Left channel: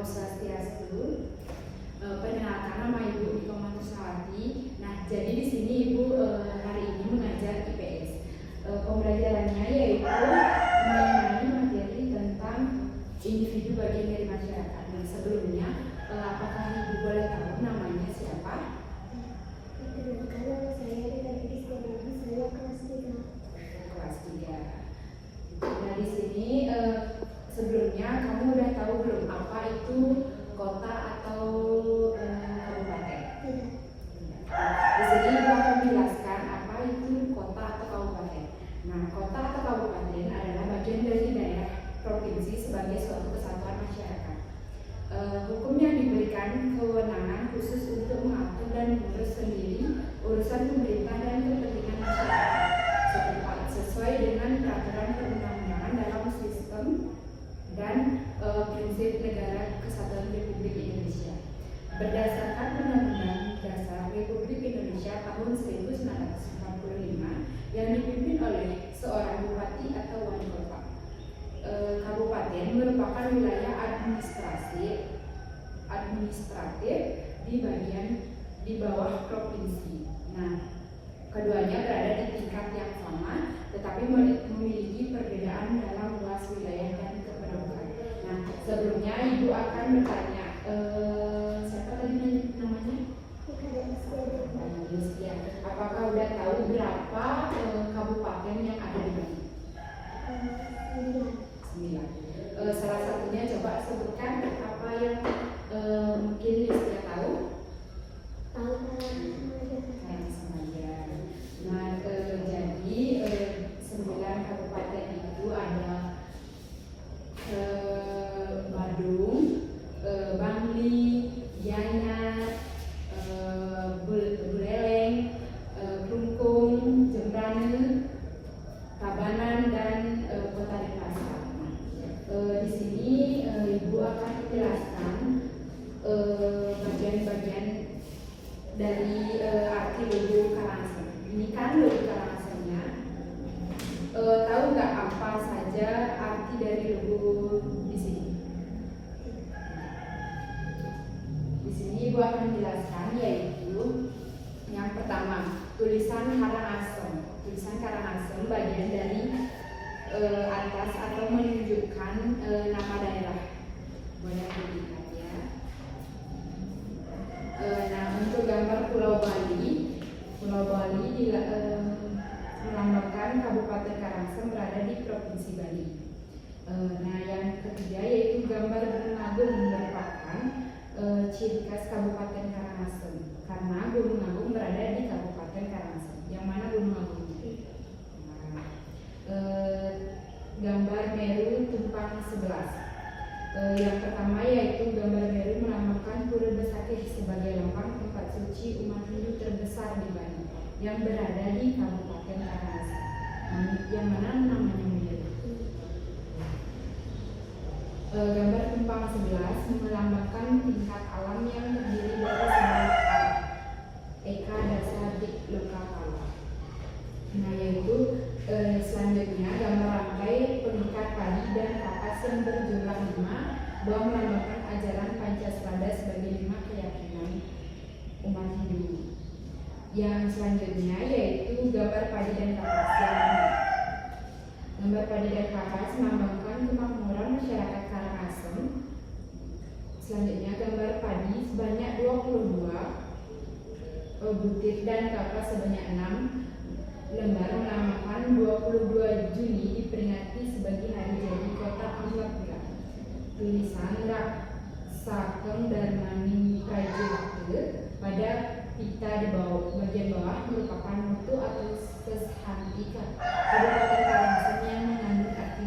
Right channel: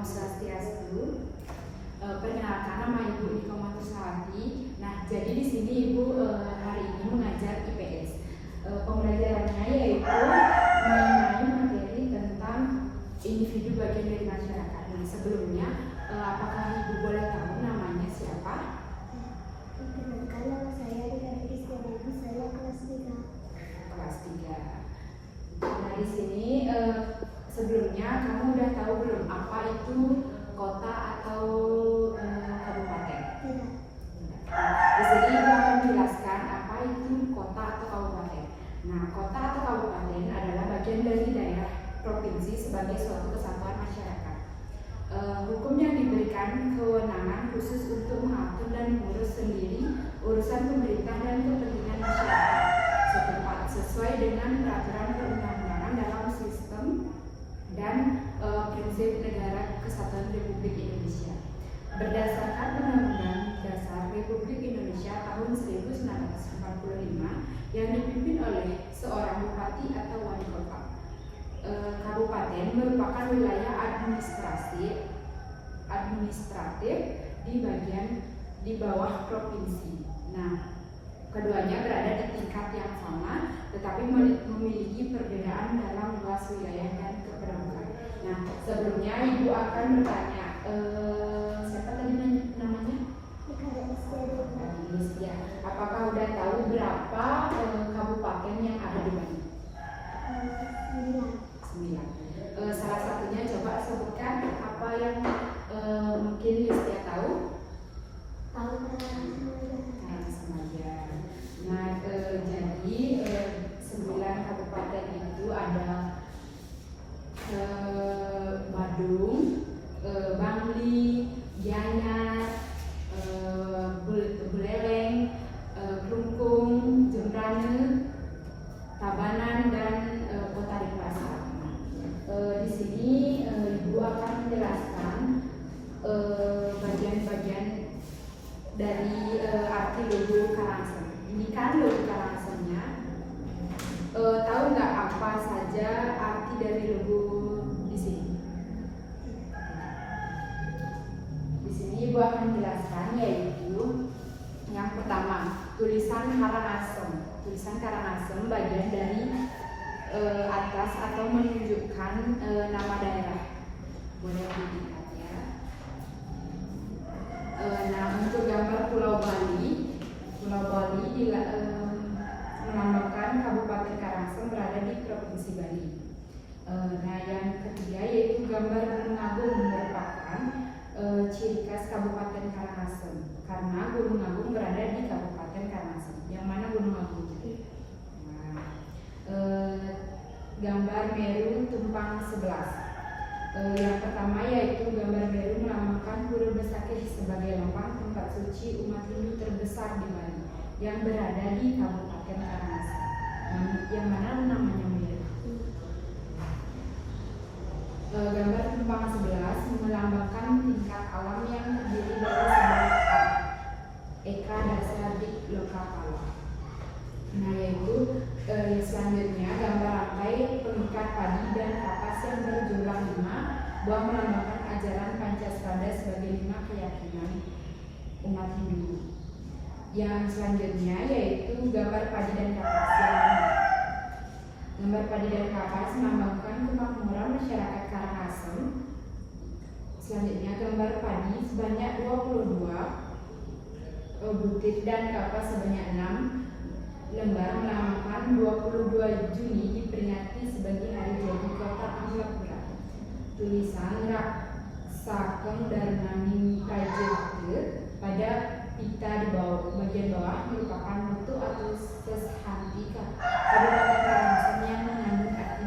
Om Swastiastu. Perkenalkan, nama Ibu Niko Matusawati. Nah, jadi di sini Ibu hari ini mengajar IPS. Pembelajarannya yaitu mengenai materi tentang individu bagian dari masyarakat. Nah, sebelumnya apakah Ibu boleh tahu namanya siapa? Perkenalkan, nama saya Ria Kristiani, saya kelas 3. Kelas 3. Nah, di sini sebelumnya kamu udah tahu belum apa itu kota atau kabupaten? Tidak. Di sini Ibu akan menjelaskan apa itu kota atau kabupaten. Nah, kota atau kabupaten adalah bagian dari daerah provinsi sebagai suatu kesatuan masyarakat. Hukum yang diberikan kewenangan khusus untuk mengatur dan mengurus sendiri urusan pemerintah dan kepentingan masyarakat setempat sesuai dengan peraturan perundang-undangan dalam sistem dan prinsip negara kesatuan Republik Indonesia. Berdasarkan Undang-Undang Dasar Republik Indonesia tahun 1945 yang dipimpin oleh seorang bupati atau wali kota. Kabupaten merupakan wilayah administratif di bawah provinsi. Nah, keduanya berada di tingkat yang sama, tetapi memiliki perbedaan dalam luas wilayah dan kependudukan. Nah, sebelumnya Ibu akan bertanya, siapa tadi namanya? Ya. Apakah udah tahu berapa kabupaten yang ada di Bali? 9. Salah satunya coba sebutkan apa yang mungkin Listia tahu? Samaja. Nah, jadi 9 kabupaten itu ada Badung, Bangli, Gianyar, Buleleng, Klungkung, Jembrane, Tabanan, dan Kota Denpasar. Di sini Ibu akan menjelaskan bagian-bagian dari arti logo Karangasem. Ini kan logo Karangasemnya. Tahu nggak apa saja arti dari logo di sini? Di sini Ibu akan menjelaskan, yaitu yang pertama, tulisan Karangasem. Tulisan Karangasem bagian dari atas atau menunjukkan nama daerah. Boleh dilihat ya. Nah, untuk gambar Pulau Bali melambangkan Kabupaten Karangasem berada di Provinsi Bali. Nah, yang ketiga yaitu gambar Gunung Agung merupakan ciri khas Kabupaten Karangasem karena Gunung Agung berada di Kabupaten Karangasem. Yang mana Gunung Agung? Gambar Meru tumpang 11. Yang pertama yaitu gambar Meru melambangkan Pura Besakih sebagai lambang tempat suci umat Hindu terbesar di Bali yang berada di Kabupaten Karangasem. Yang mana namanya Meru? Gambar tumpang 11 melambangkan tingkat alam yang terdiri dari 11 alam. Eka Dasa Dik Lokapala. Nah, yaitu selanjutnya gambar rantai pengikat padi dan kapas yang berjumlah 5 buah melambangkan ajaran Pancasila sebagai 5 keyakinan umat Hindu. Yang selanjutnya yaitu gambar padi dan kapas. Gambar padi dan kapas melambangkan kemakmuran masyarakat Karangasem. Selanjutnya gambar padi sebanyak 22 butir dan kapas sebanyak 6 lembar melambangkan 22 Juni diperingati sebagai hari jadi kota Amlapura. Tulisan Rak Sakeng Darmani Kajete pada pita di bawah bagian bawah merupakan mutu atau seshantika Kabupaten Karangasem yang mengandung arti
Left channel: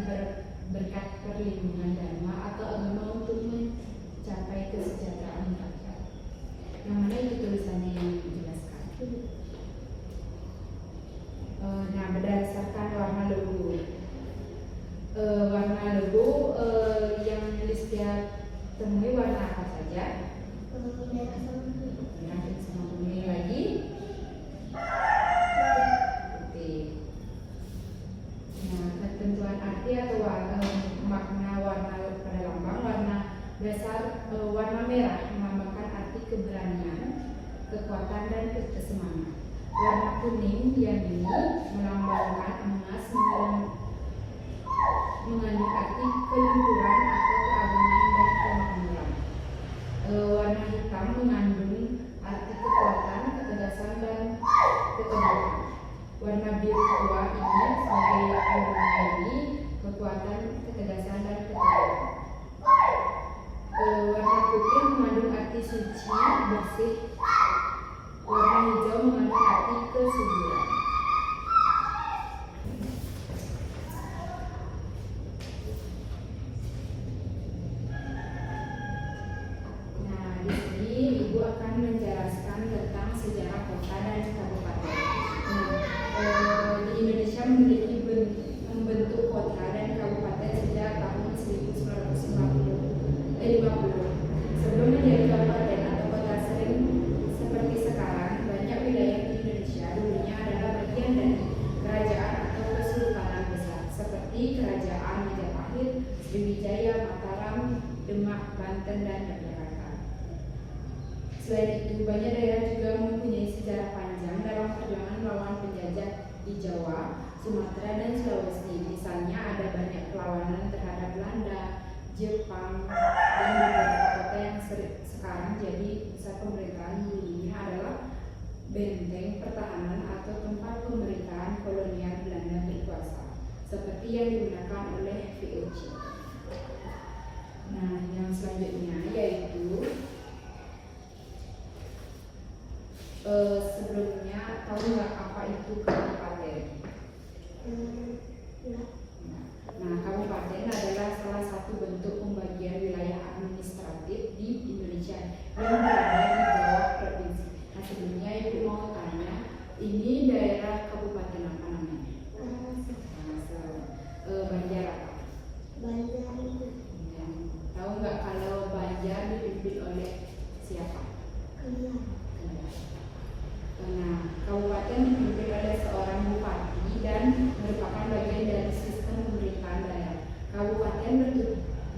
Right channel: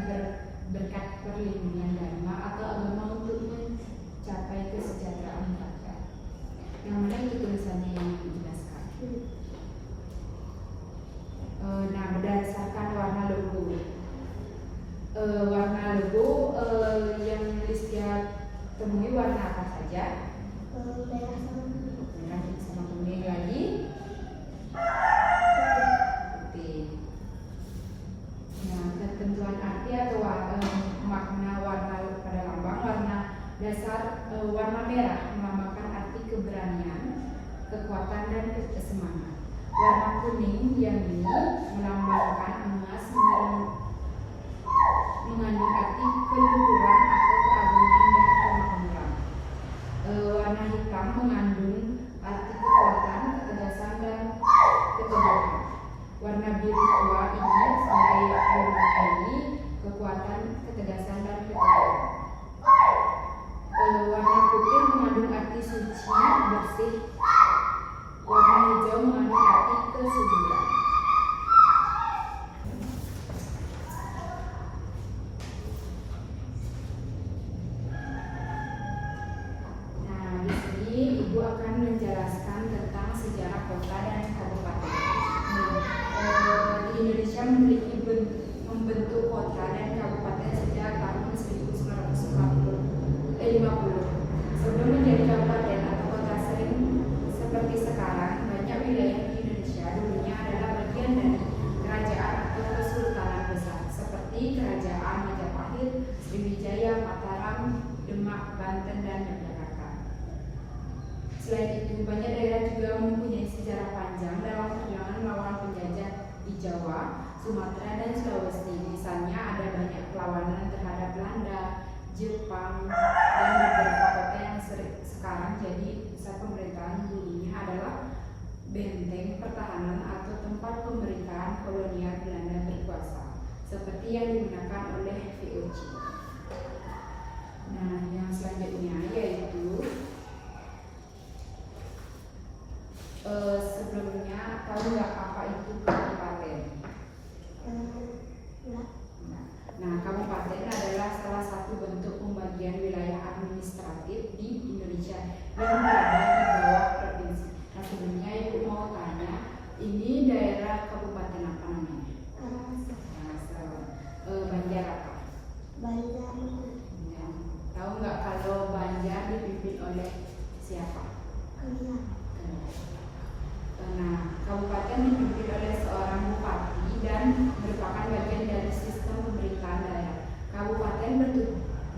berkat perlindungan dharma atau agama untuk mencapai kesejahteraan rakyat. Yang mana itu tulisannya yang dijelaskan. Nah, berdasarkan warna logo, yang Listia temui warna apa saja? Merah sama kuning lagi. Putih. Nah, ketentuan arti atau makna warna pada lambang, warna dasar Warna merah melambangkan arti keberanian, kekuatan dan kesemangat. Warna kuning yang ini melambangkan emas, mengandung arti keluhuran atau keagungan dan kemakmuran. Warna hitam mengandung arti kekuatan, ketegasan dan keteguhan. Warna biru tua ini sebagai warna ini kekuatan, ketegasan dan keteguhan. Warna putih mengandung arti suci, bersih. Warna hijau mengandung arti kesuburan. Nah, di sini Ibu akan menjelaskan tentang sejarah kota dan kabupaten. Di Indonesia membentuk kota dan kabupaten sejak tahun 1950. Sebelum menjadi kabupaten atau kota seperti sekarang, banyak wilayah di Indonesia dulunya adalah bagian dari kerajaan atau kesultanan besar seperti Kerajaan Majapahit, Sriwijaya, Mataram, Demak, Banten, dan Yogyakarta. Selain itu, banyak daerah juga mempunyai sejarah panjang dalam perjuangan melawan penjajah di Jawa, Sumatera, dan Sulawesi. Misalnya ada banyak perlawanan terhadap Belanda, Jepang, dan beberapa kota yang sekarang jadi pusat pemerintahan dulunya adalah benteng pertahanan atau tempat pemerintahan kolonial Belanda berkuasa, seperti yang digunakan oleh VOC. Nah, yang selanjutnya yaitu sebelumnya tahu nggak apa itu kabupaten? Nah, kabupaten adalah salah satu bentuk pembagian wilayah administratif di Indonesia yang berada di bawah provinsi. Nah, sebelumnya Ibu mau tanya, ini daerah kabupaten apa namanya? Banjar apa? Banjar. Tahu nggak kalau Banjar dipimpin oleh siapa? Kelia. Nah, kabupaten dipimpin oleh seorang bupati dan merupakan bagian dari sistem pemerintahan daerah. Kabupaten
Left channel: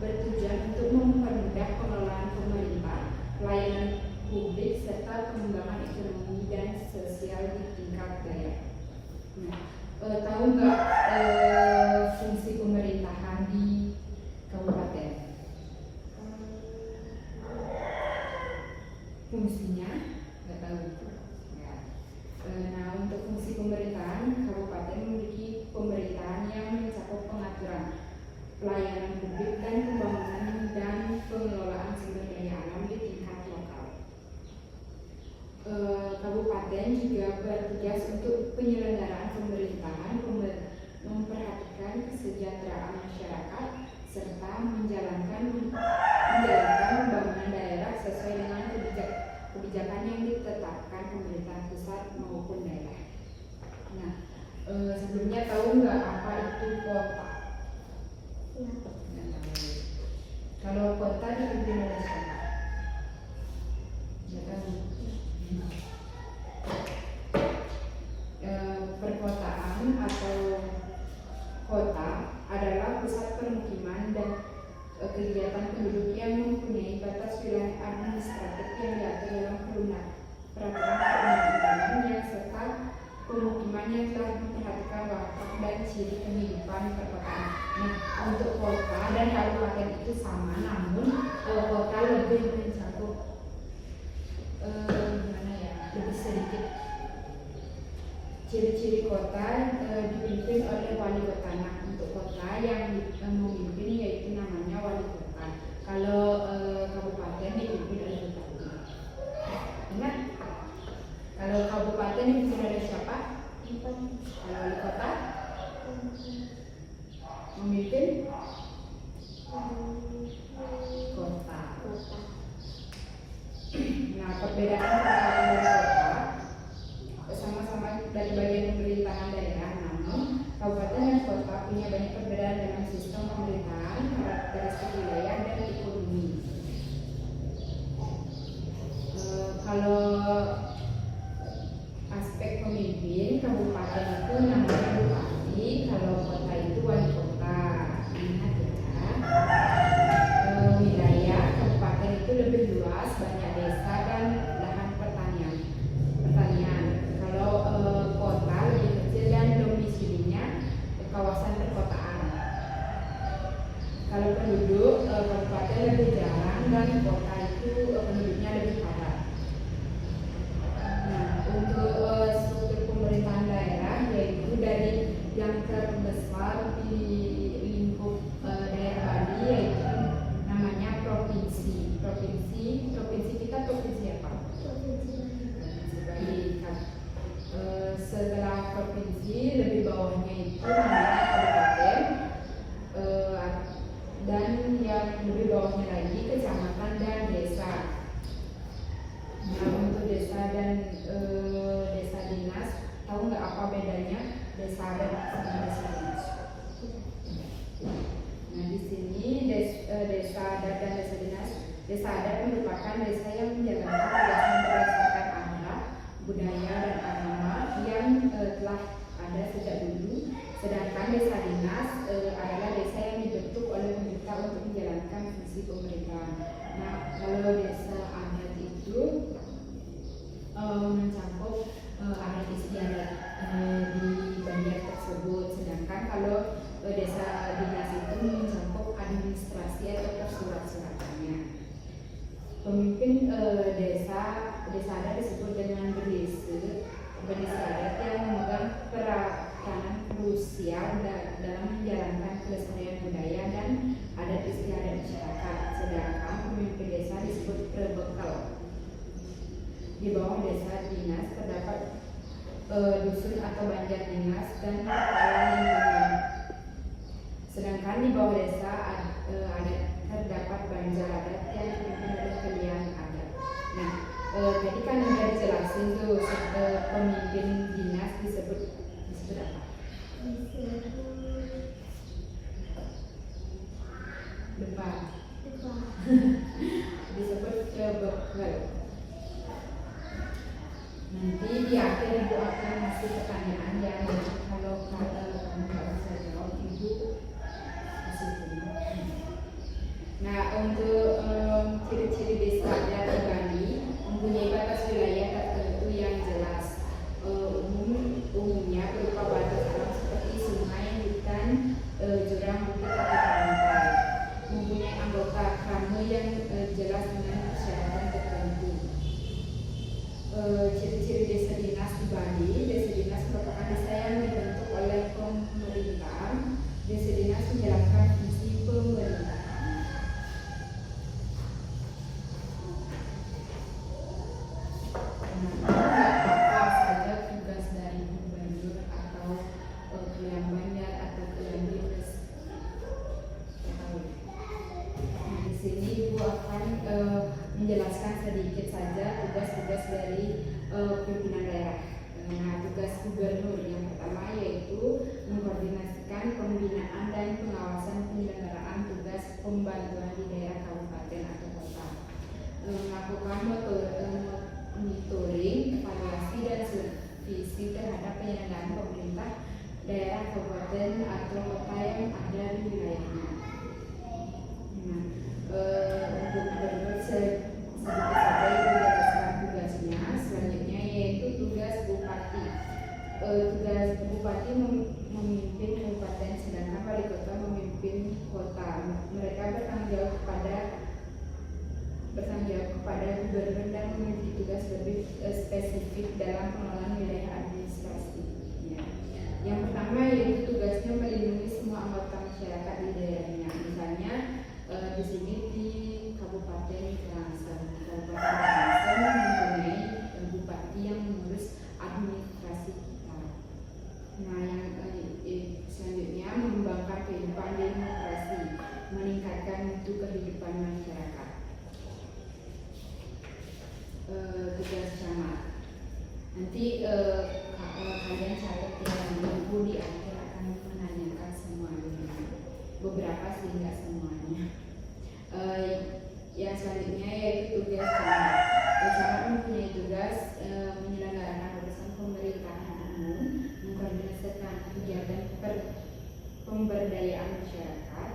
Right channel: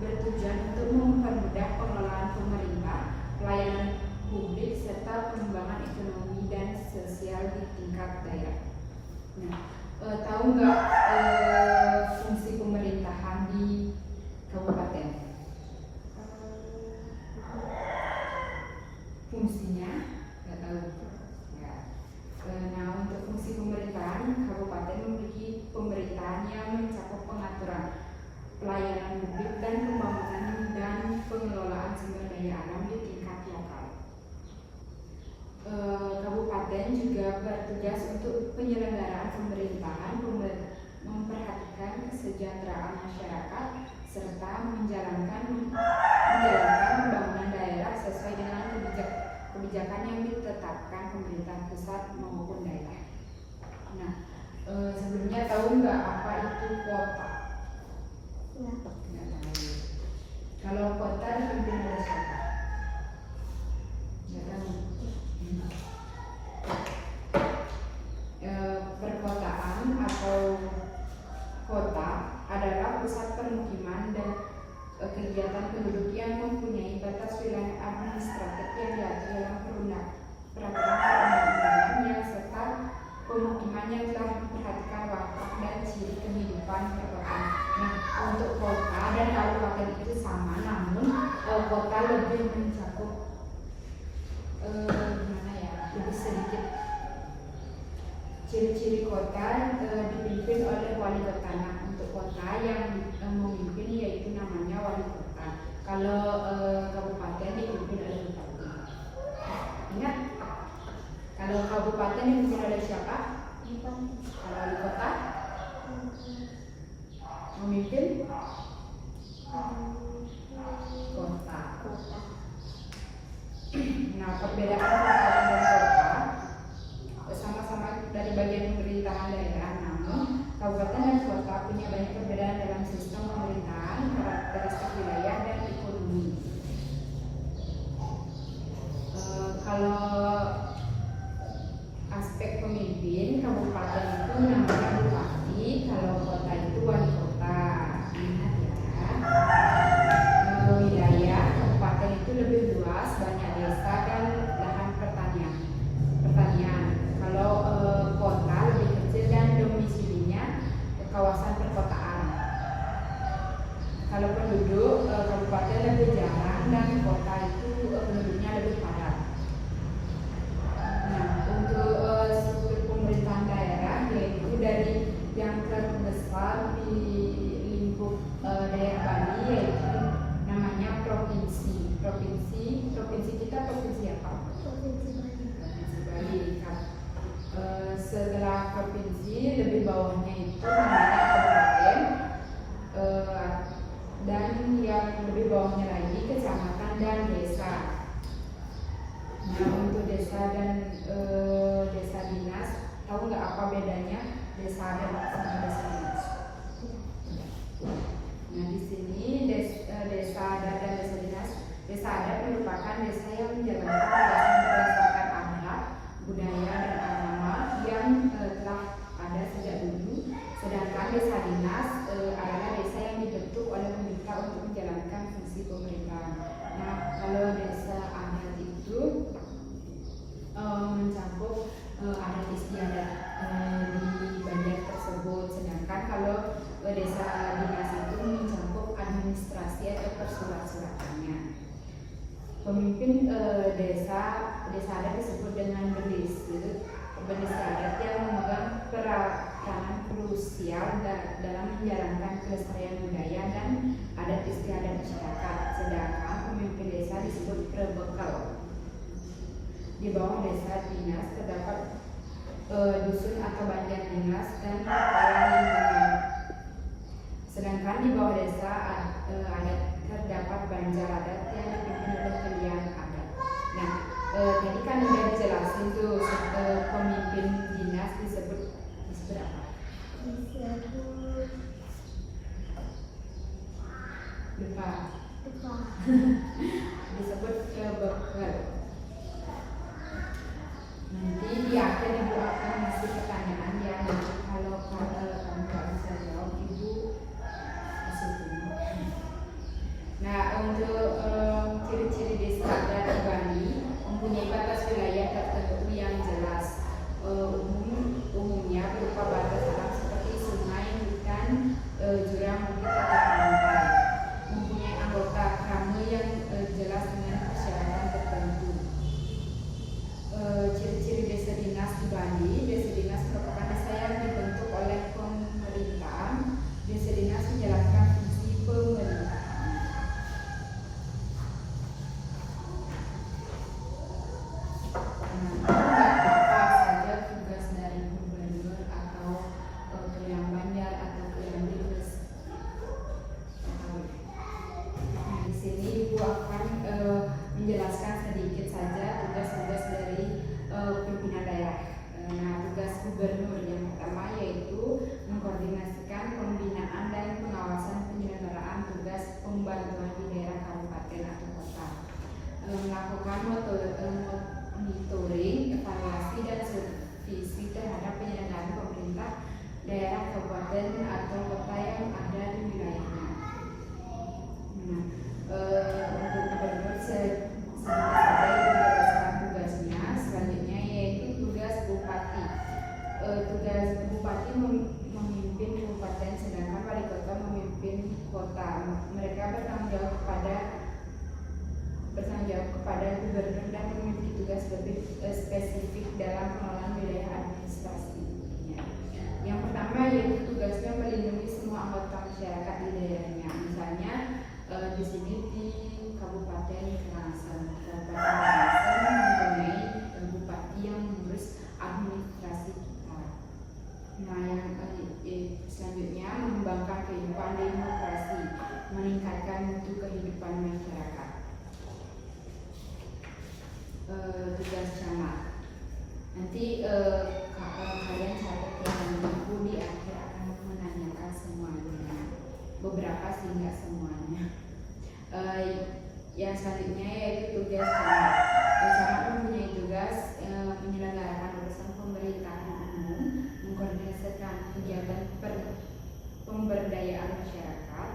bertujuan untuk mempermudah pengelolaan pemerintah, pelayanan publik, serta pengembangan ekonomi dan sosial di tingkat daerah. Nah, tahu nggak fungsi pemerintahan di kabupaten? Fungsinya nggak tahu. Nah, untuk fungsi pemerintahan, kabupaten memiliki pemerintahan yang mencakup pengaturan pelayanan publik dan pembangunan dan pengelolaan sumber daya alam di tingkat lokal. Kabupaten juga bertugas untuk penyelenggaraan pemerintahan, memperhatikan kesejahteraan masyarakat, serta menjalankan pembangunan daerah sesuai dengan kebijakan yang ditetapkan pemerintah pusat maupun daerah. Nah, sebelumnya tahu nggak apa itu kota? Ya. Kalau kota dipimpin oleh siapa? Nggak tahu. Perkotaan atau kota adalah pusat permukiman dan kegiatan penduduk yang mempunyai batas wilayah administratif yang diatur dalam peraturan perundang-undangan yang serta pemukiman yang telah memperhatikan watak dan ciri kehidupan perkotaan. Nah, untuk kota dan kabupaten itu sama, namun kota lebih mencakup lebih sedikit. Ciri-ciri kota dipimpin oleh wali kota. Nah, untuk kota yang memimpin yaitu namanya wali kota. Kalau kabupaten dipimpin oleh bupati. Ingat, kalau kabupaten dipimpin oleh siapa? Kalau wali kota memimpin kota. Nah, perbedaan kabupaten dan kota sama-sama dari bagian pemerintahan daerah, namun kabupaten dan kota punya banyak perbedaan dalam sistem pemerintahan, karakteristik wilayah, dan ekonomi. Kalau aspek pemimpin, kabupaten itu namanya bupati, kalau kota itu wali kota. Ingat ya. Wilayah kabupaten itu lebih dan kota itu penduduknya lebih padat. Nah, untuk struktur pemerintahan daerah yaitu dari yang terbesar di lingkup daerah Bali yaitu namanya provinsi. Provinsi kita provinsi apa? Provinsi Provinsi Bali. Setelah provinsi lebih bawahnya itu namanya kabupaten, dan yang lebih bawahnya lagi kecamatan dan desa. Nah, untuk desa dan desa dinas, tahu nggak apa bedanya desa adat sama desa dinas? Nah, di sini desa adat dan desa dinas. Desa adat merupakan desa yang menjalankan tugasnya berdasarkan adat, budaya dan agama yang telah ada sejak dulu. Sedangkan desa dinas adalah desa yang dibentuk oleh pemerintah untuk menjalankan fungsi pemerintahan. Nah, kalau desa adat itu mencakup adat istiadat di Banjar tersebut. Sedangkan kalau desa dinas itu mencakup administrasi atau persurat-suratannya. Pemimpin desa adat disebut dengan bendesa adat yang memegang peranan krusial dalam menjalankan kelestarian budaya dan adat istiadat masyarakat. Sedangkan pemimpin desa disebut prebekal. Di bawah desa dinas terdapat dusun atau banjar dinas dan kepala lingkungan. Sedangkan di bawah desa adat terdapat banjar adat yang dipimpin oleh kalian adat. Nah, tadi kan udah dijelasin tuh pemimpin dinas disebut apa? Lupa. Disebut bekal. Nanti di akhir ibu akan ngasih pertanyaan yang kalau kamu nggak bisa jawab ibu kasih dulu. Nah, untuk ciri-ciri desa adat di Bali mempunyai batas wilayah tertentu yang jelas. Umumnya berupa batas alam seperti sungai, hutan, jurang, bukit atau pantai. Mempunyai anggota krama yang jelas dengan persyaratan tertentu. Ciri-ciri desa dinas di Bali. Desa dinas merupakan desa yang dibentuk oleh pemerintahan. Desa dinas menjalankan fungsi pemerintahan. Apa saja tugas dari gubernur atau Kalian Banjar atau Kalian Bebes? Nah, di sini ibu akan menjelaskan sedikit saja tugas-tugas dari pimpinan daerah. Nah, tugas gubernur yang pertama yaitu mengkoordinasikan pembinaan dan pengawasan penyelenggaraan tugas pembantuan di daerah kabupaten atau kota, melakukan monitoring, evaluasi dan supervisi terhadap penyelenggaraan pemerintah daerah kabupaten atau kota yang ada di wilayahnya. Nah, untuk gubernur sedikit saja itu berdasarkan tugasnya. Selanjutnya yaitu tugas bupati. Tugas bupati memimpin kabupaten, sedangkan wali kota memimpin kota. Mereka bertanggung jawab kepada gubernur dan memiliki tugas lebih spesifik dalam pengelolaan wilayah administrasinya. Yang pertama yaitu tugasnya melindungi semua anggota masyarakat di daerahnya. Misalnya di sini di Kabupaten Karangasem mempunyai bupati yang mengurus administrasi kita. Nah, yang selanjutnya mengembangkan kehidupan demokrasi, meningkatkan mutu kehidupan masyarakat. Tugas camat. Nanti kalian catat yang ibu di akhir akan menanyakan semuanya. Beberapa sih nggak semuanya. Yang selanjutnya yaitu tugas camat. Camat mempunyai tugas menyelenggarakan urusan pemerintahan umum, mengkoordinasikan kegiatan pemberdayaan masyarakat,